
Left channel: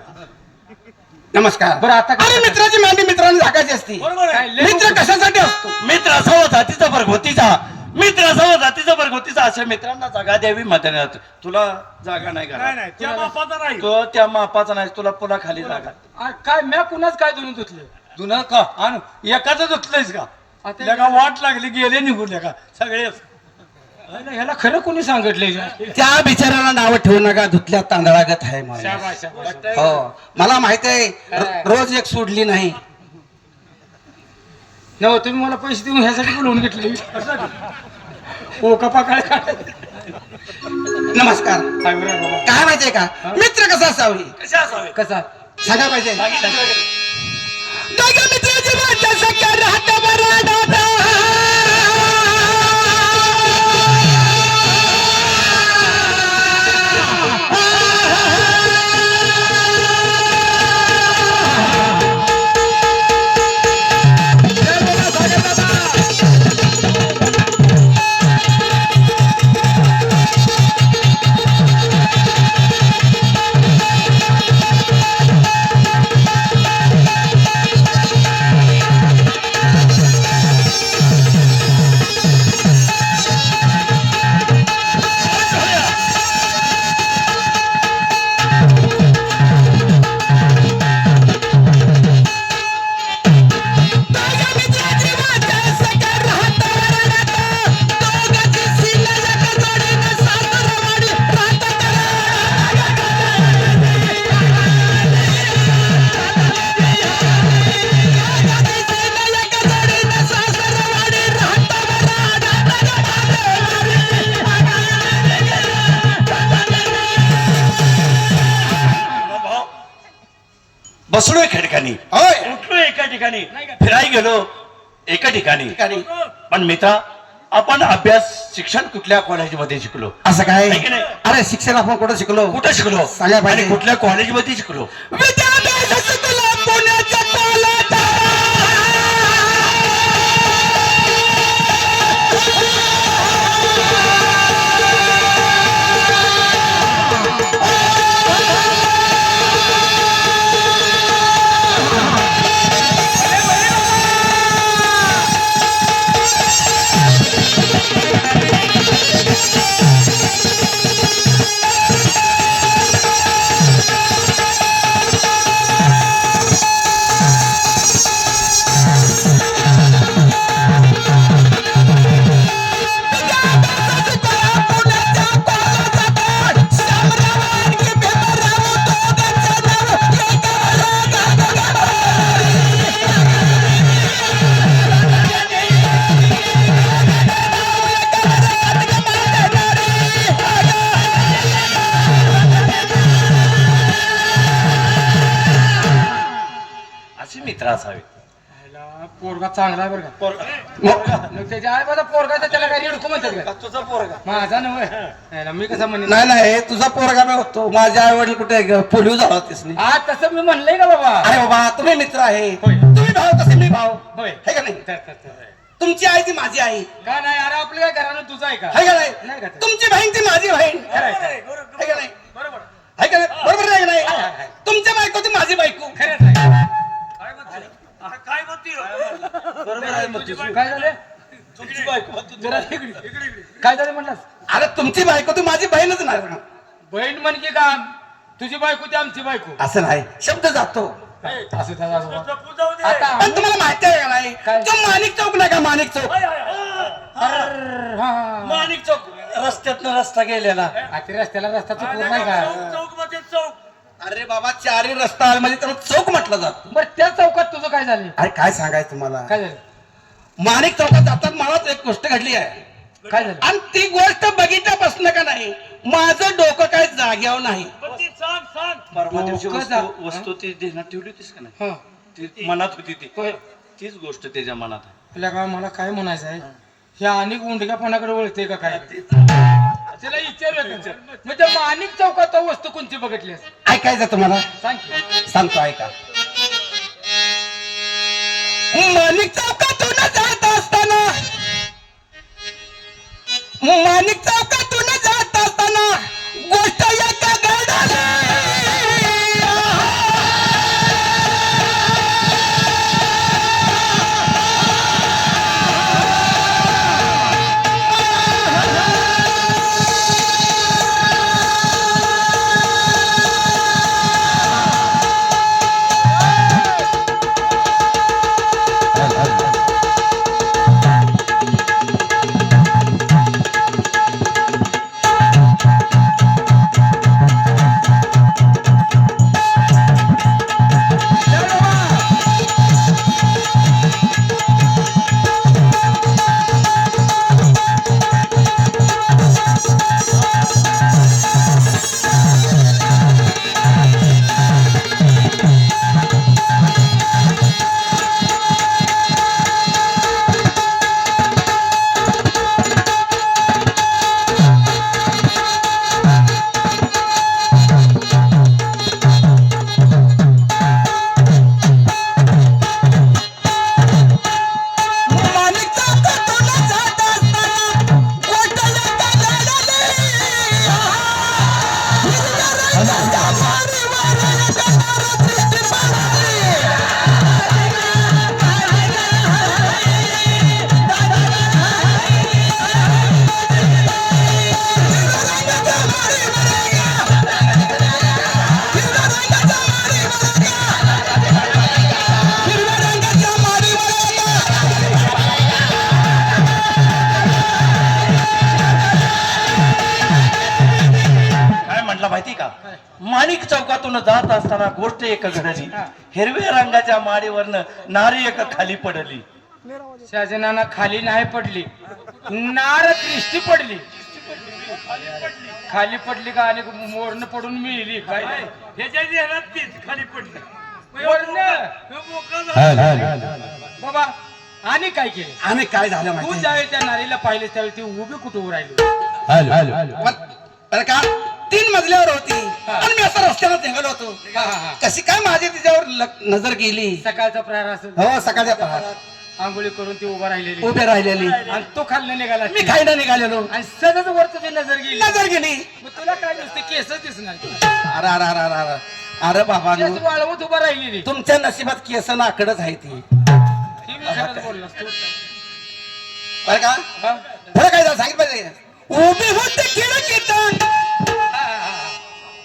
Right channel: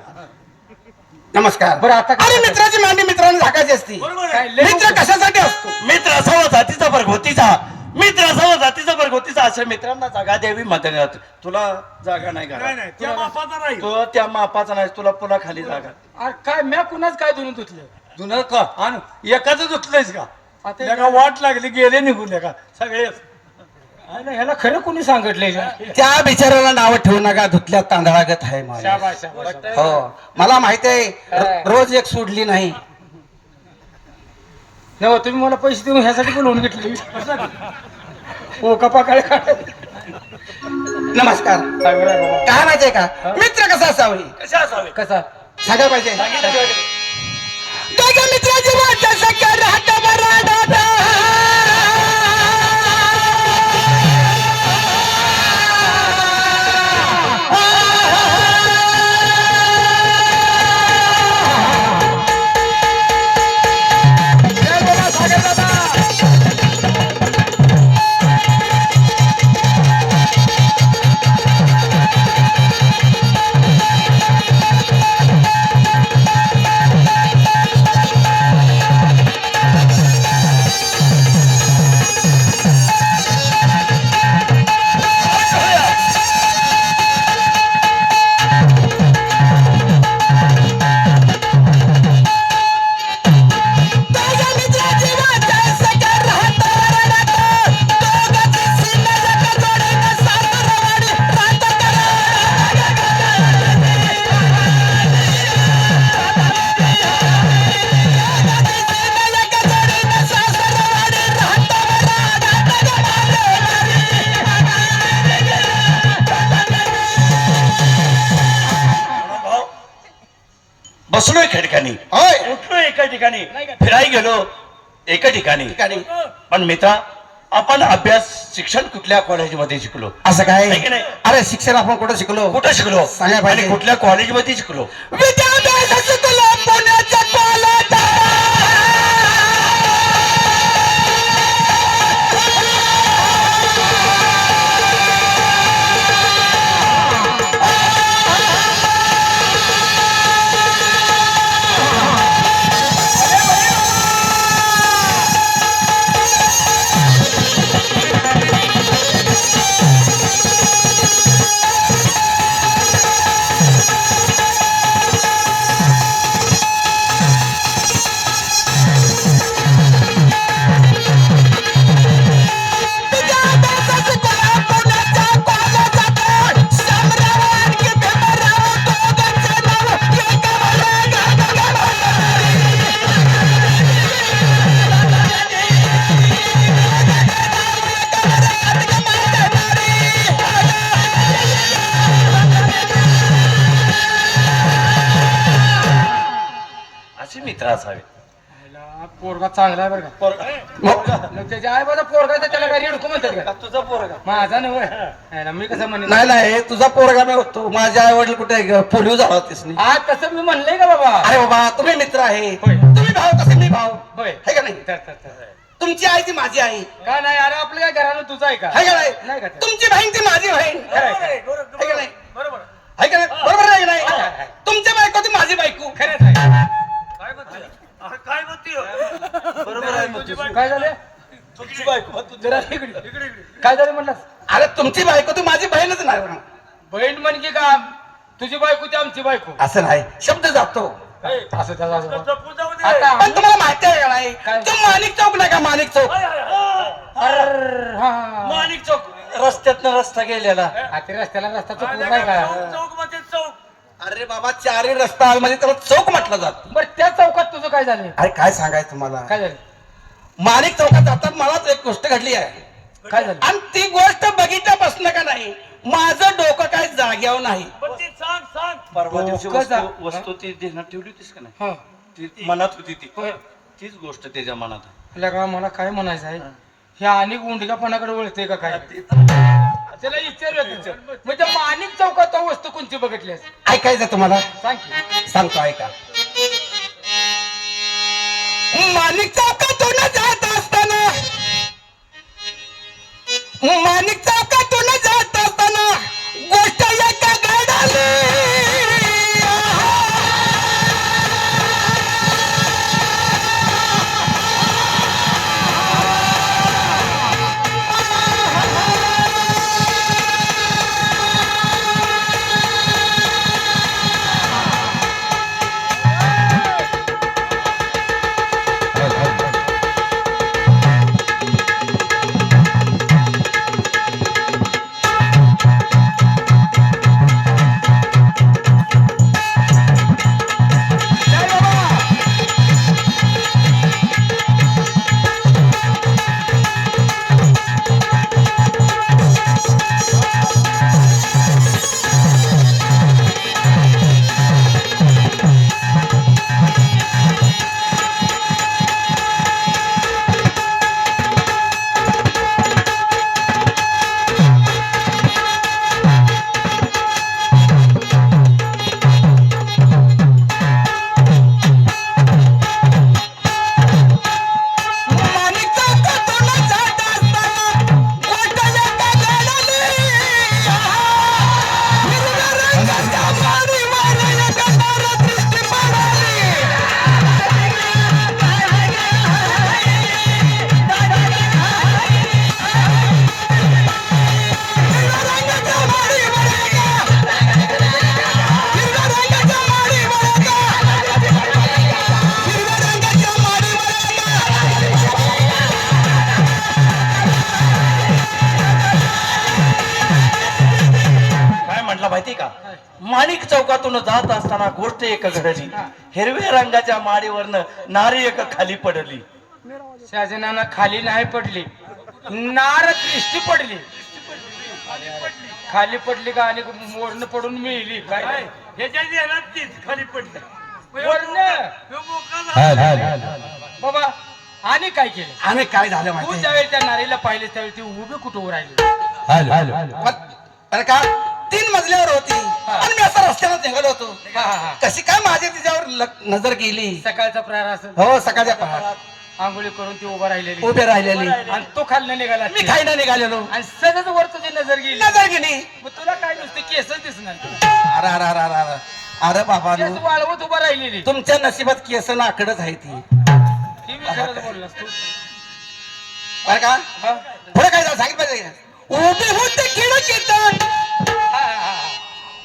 नमस्कार बरं आता अरे मित्राची मांडी मित्रांनी झाकायची असती बरोबर आहे. काय लय- मित्र कशासाठी असतो मित्र असावा जातीचा प्रगतीचा, मित्र असावा जातीचा प्रगतीचा. अशा मित्रांना जागा द्यावी मतदानात. तुला जागा नाही का? त्या बापाचा नाही तो त्या मापाचा नाही, तुला पुन्हा खाली जागा. अरे काय मी कुणाच काय देऊन धुतलं जुनं का आण एकाच धुतलंयस का आता त्याला वाट लागली गेले निघून का सगळे अरे ह्याला खरं कोणी सांगितलंय त्या बिचाऱ्याला नाव ठेवू नका धुतल्या तांदळागत आहे मला शाबास, शाबास. हो मला माहित आहे रोज एक सोडली नाही नव तुम्ही मला पैसे देऊन ह्यासाठी बोलवून घेतले हो कपा काय नमस्कार काय माहितीये का मित्र कसा असावे कशा असावे? कसा सांगायला पाहिजे सांगितलं का? दोघं मित्राची वाट सख्या राहता बरं दादा. बसलो एका ठिकाणी, होय उठलो एका ठिकाणी, फिरायला गेलो एका ठिकाणी. पण मित्रा, आपण अभ्यास शिक्षण कुठल्या कॉलेजमध्ये शिकलो? असं काय आहे की नाही? अरे शिक्षण आपण कुठं शिकलो कुठं शिकलो सांगा पाहिजे. आणि कुठल्या कॉलेजमध्ये शिकलो? विद्याभ्यास शिकलो पुण्याच्या कॉलेजात. असावे. ह्याला पोरगा चांगला आहे बरं का. पोरगा मग त्याच्या आई माझा पोरगा तर त्याला काही रिडको म्हणतात का. तुझा पोरगा माझा नव्हे. ह्याला मी कसं म्हणलं. नाही नाही तुझा पोरगा नव्हतो माझ्या आई वडील कुठे पोलिओ झाला होतीस नी. हा तसं मी म्हणलंय का बाबा. अरे बाबा तुम्ही मित्र आहे होय. तुम्ही भाऊ तसं मी भाऊ होय. है का नाही तुमची आई ती माझी आई का नाही अरे आपल्या घरानं तुझा आहे का. है का नाही नाही का ते? तुमची बहीण ती माझी बहीण है का नाही बरोबर है का नाही बरोबर आहे का नाही तुमची बायको ती माझी बायको खरंच आहे. काय म्हणते बरोबर आहे म्हणते. काय झालं तुमची बायको होती. जरा इकडे काय झालं म्हणलास. अरे तुमची बायको ती माझी बहीणच नाही ना. बहीण म्हणजे का तुझी बायको ती आमची बायको. असं नाही शब्द जातो असं त्याचा आजोबा. जपून जाऊ दे. आता पण तुम्हाला माहिती आहे का नाही काय? तो माणिक चौक नाही का माणिक चौक अर्र, हा. माणिक चौक रस्त्यातनं रस्ता गेलेला आता रस्त्याला रस्ता चुकवत नाही का. चौक मध्ये चौक अरे बाबा चारी रस्ता म्हणजे त्याला चौक म्हटलं जात बरं त्या चौकात तुझं काय झालं. अरे काय सांगायचं तुम्हाला काय झालं माणिक चौकात जातात मलाच एक गोष्ट घडली आहे काय झालं. आणि ती गोष्ट बघितल्यापासून का नाही माझं डोकं काय जाग्यावर नाही पण ती सांग सांग. परवा दिवशी डोकं जा- वस्तू ती ध्यानात ठेवली होतीस का नाही. हा. ती मनात होती ती होय. तीच गोष्ट त्याच्या मनात. तुला का मला काय म्हणायचं आहे हे आणि गुंडगापणाकडे वळते का काय. त्याला विचारलं म्हणजे माणिक चौकात वस्तू कोणती बघितलीस ऐकायचं तुम्हाला सांग की. सांगतो ऐका माणिक चौकातून जात असताना माणिक चौकातून जात असताना गोष्ट एका गाडाला माणिक चौकातून जात असताना गोष्ट एक घडली. हिरव्या रंगाच्या माडीवरनं नारी एक खाली पडली. शाहजहाना खाली नाही पडली नार दृष्टी पडली. खाली पडली का आणि मोरन पडून मिळली काय ह्याच्या ध्यानात तीच खाली पडली. बाबा आणि काय केलं. आणि काय झालं तू माहिती ज्यावेळी त्या नारीला पाहिले त्यावेळी ती उभी कुठं उभं राहिली. बरं का 3 मजल्यावर होती आणि मी असं रस्त्यावर निघालो होतो. हा, हा, हा. कशी काय माझी तिच्यावर नजर गेली. सकाळचा प्रहार असेल हो सकाळच्या प्रहारात आंघोळी करून ती उभं राहिलेली उभे राहिलेली आणि तो खाल्लं निघाला मी खायला निघालेलो आणि सहज वर तुझी नजर गेली. नजर गेली. मग तुला काय नुसते केसच दिसणार तुला. अरे अरे अरे अरे अरे अरे बाबा केस वाळवत उभं राहिलेली तुमच्या नशिबात केस नाकडच आहे ती. ही मी खरंच बोललोस तू. बरं का हा? पुढे काय झालं सांगितलं पाहिजे का? उभे होते खिडकीत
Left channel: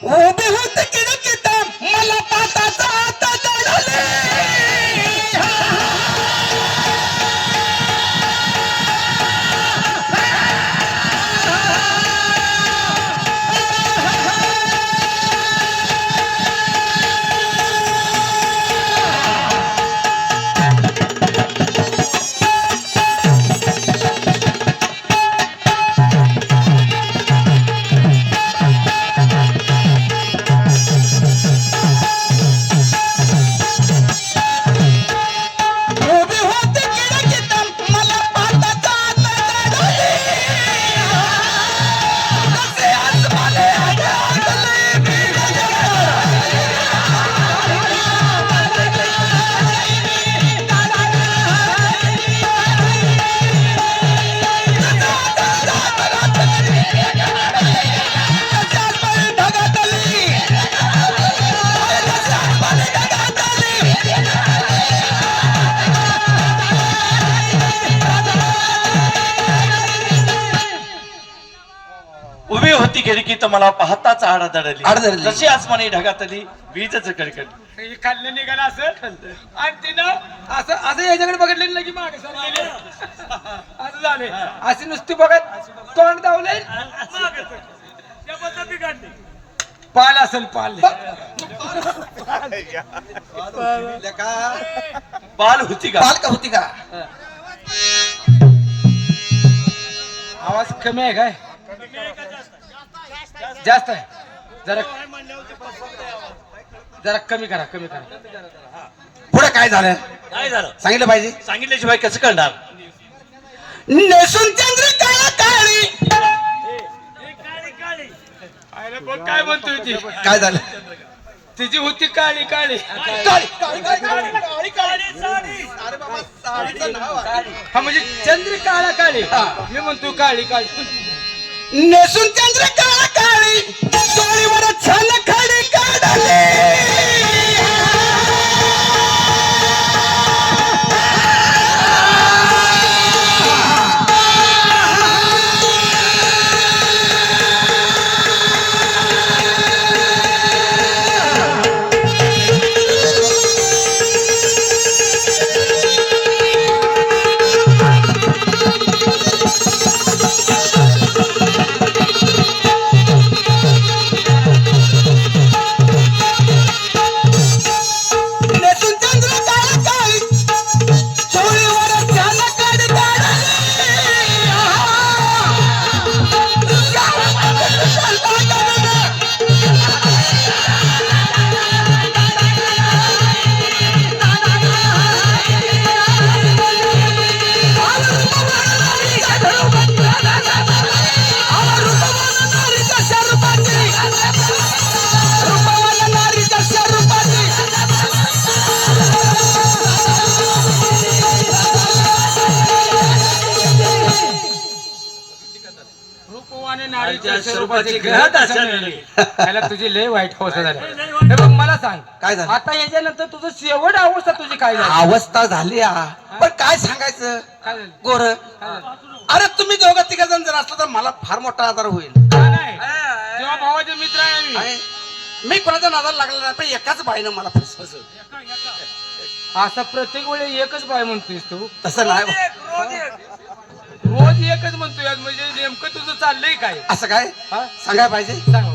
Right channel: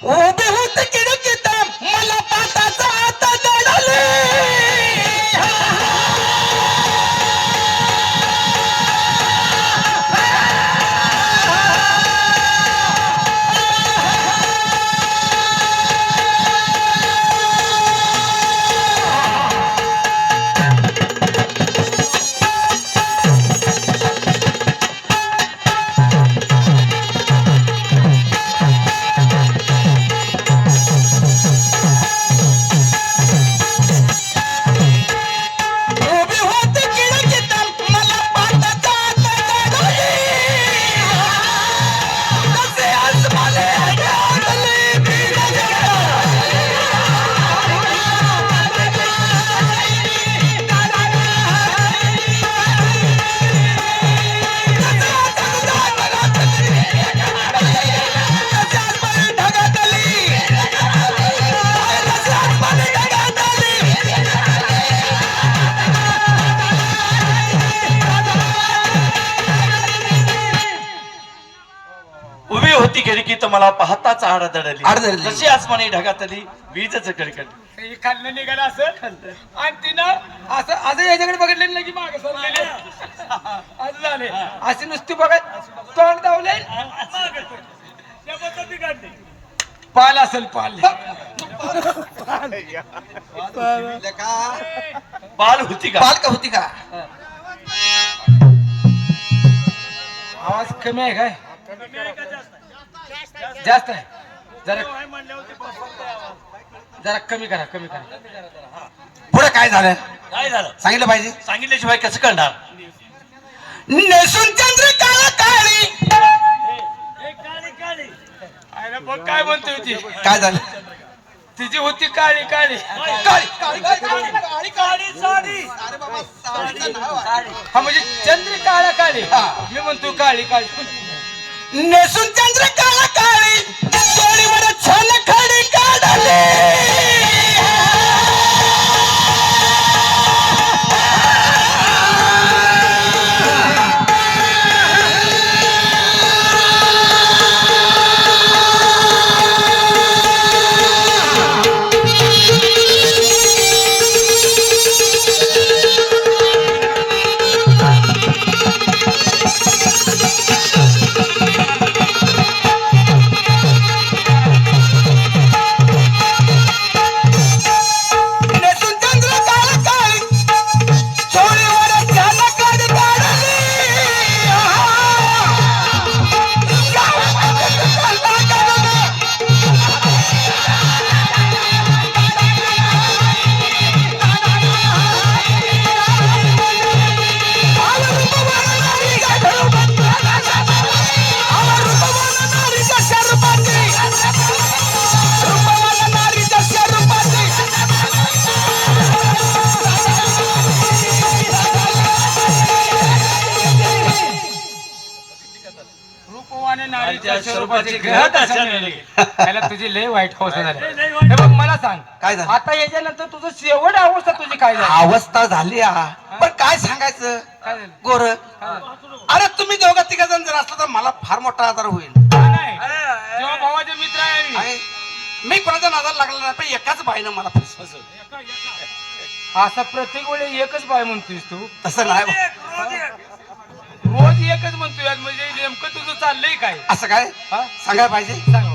उभे होते खिडकीत मला पाटाचा हात जळाले. होती खिडकी तर मला पाहताच आड आड दडली दडली. जशी आसमानी ढगातली वीजच कडकड हे खाल्लं निघालं असं आणि तिनं असं याच्याकडे बघितले ना की मागे सरलेली असं झाले अशी नुसती बघत तोंड दावले पाल असेल पाल बाल होती का बाल का होती का आवाज कमी आहे काय जास्त आहे जरा जरा कमी करा कमी करा पुढे काय झालं काय झालं सांगितलं पाहिजे सांगितल्याशिवाय कसं कळणार नेसून चंद्र काळा काळी आयला बघ काय म्हणतोय ती काय झालं तिची होती काळी काळी हा म्हणजे चंद्र काळा काळी मी म्हणतो काळी काळी नेसून चंद्र काळा काळी डोळीवर छान खाडी काढली नेसून चंद्र काळा काळी डोळीवर छान खाडी रूपवान नारीच्या स्वरूपाची स्वरूपाची ग्रहत आचरलेली. त्याला तुझी लय वाईट अवस्था झाली हे बघ मला सांग काय झालं? आता याच्यानंतर तुझं शेवट अवस्था तुझी काय झाली अवस्था झाली पण काय सांगायचं काय झालं? गोर काय झालं? अरे तुम्ही दोघं तिघ जण जर असलं तर मला फार मोठा आधार होईल नाही जेव्हा भावाचे मित्र आहे आम्ही. आहे. मी कोणाचा नादाला लागला नाही पण एकाच बाईनं मला फसवलं असं प्रत्येक वेळी एकच बाय म्हणतोयस तू तसं नाही रोज एकच म्हणतोय आज म्हणजे नेमकं तुझं चाललंय काय असं काय हा? सांगायला पाहिजे सांग.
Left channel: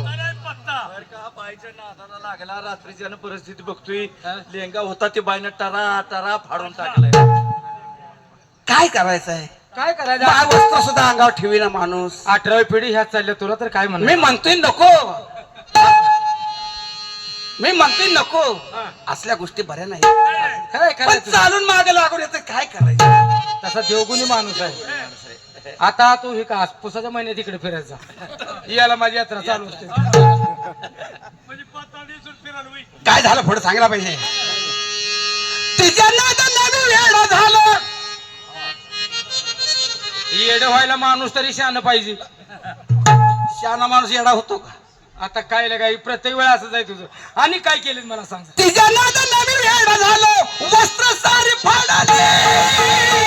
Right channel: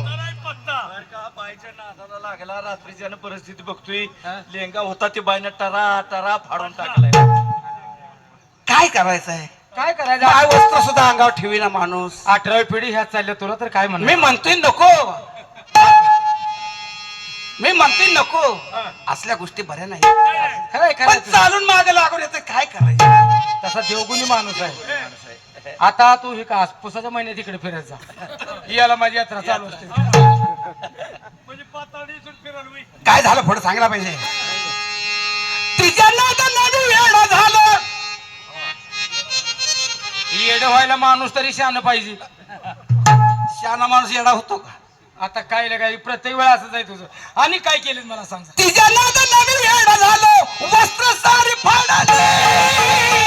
बाईच्या नादाला लागला रात्रीच्या परिस्थिती बघतोय हा? लेंगा होता ते बाईनं टरा टरा फाडून टाकलाय काय करायचं आहे काय बाय करायचं वस्त्र सुद्धा अंगावर ठेवीना माणूस 18वी पिढी ह्या चालल्या तुला तर काय मी म्हणणार म्हणतोय नको मी म्हणतोय नको असल्या गोष्टी बऱ्या नाही काय पण करायचं चालून मागे लागून येतं काय करायचं तसा देवगुणी माणूस आहे आता तू हे का पुसाच्या महिन्यात इकडे फिरायचा ही याला माझी यात्रा चालू असते काय झालं पुढे सांगायला पाहिजे तिच्या नादानं वेडं झालं येड व्हायला माणूस तरी शान पाहिजे शहाणा माणूस येडा होतो का आता काय लगाय प्रत्येक वेळा असंच आहे तुझं आणि काय केलं मला सांग तिच्या नादानं वेडं झालं वस्त्र सारी फाडले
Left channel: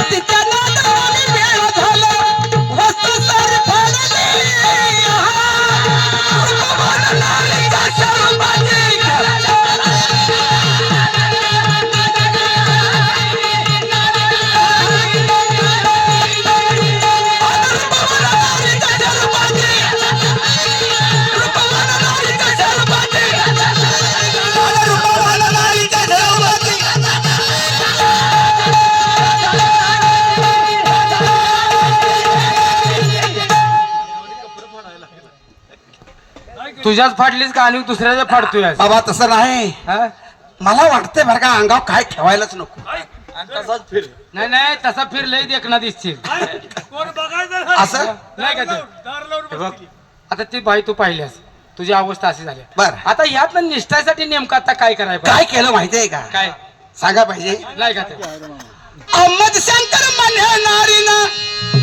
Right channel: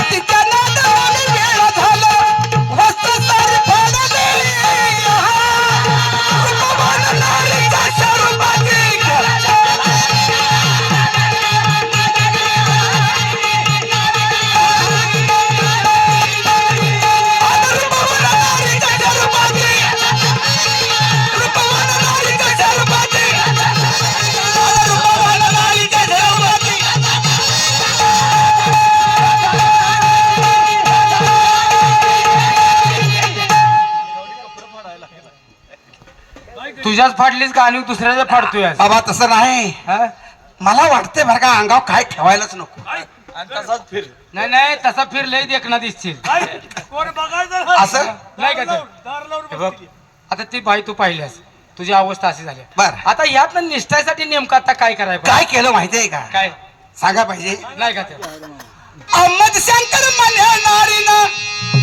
तिच्या नादानं वेडं झालं वस्त्र सारी फाडले रुबाबानं नारीच्या स्वरूपाची तुझ्याच फाडलीस का आणि दुसऱ्याच्या फाडतोय आज? बाबा तसं नाही हा? मला वाटतंय बरं का अंगावर काय ठेवायलाच नको नाही नाही तसा फिरलंय देखना दिसतील कोण बघायचं असं नाही का ते? हे बघ, आता ती बाई तू पाहिल्यास तुझी अवस्था अशी झाली बर. आता यातलं निष्ठासाठी नेमकं आता काय करायचं काय केलं माहितीये का काय सांगा पाहिजे नाही का ते अहमद शंकर म्हणे नारीनं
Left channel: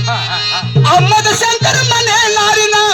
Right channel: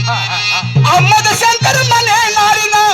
हा, हा, हा. अहमद शंकर म्हणे नारीनं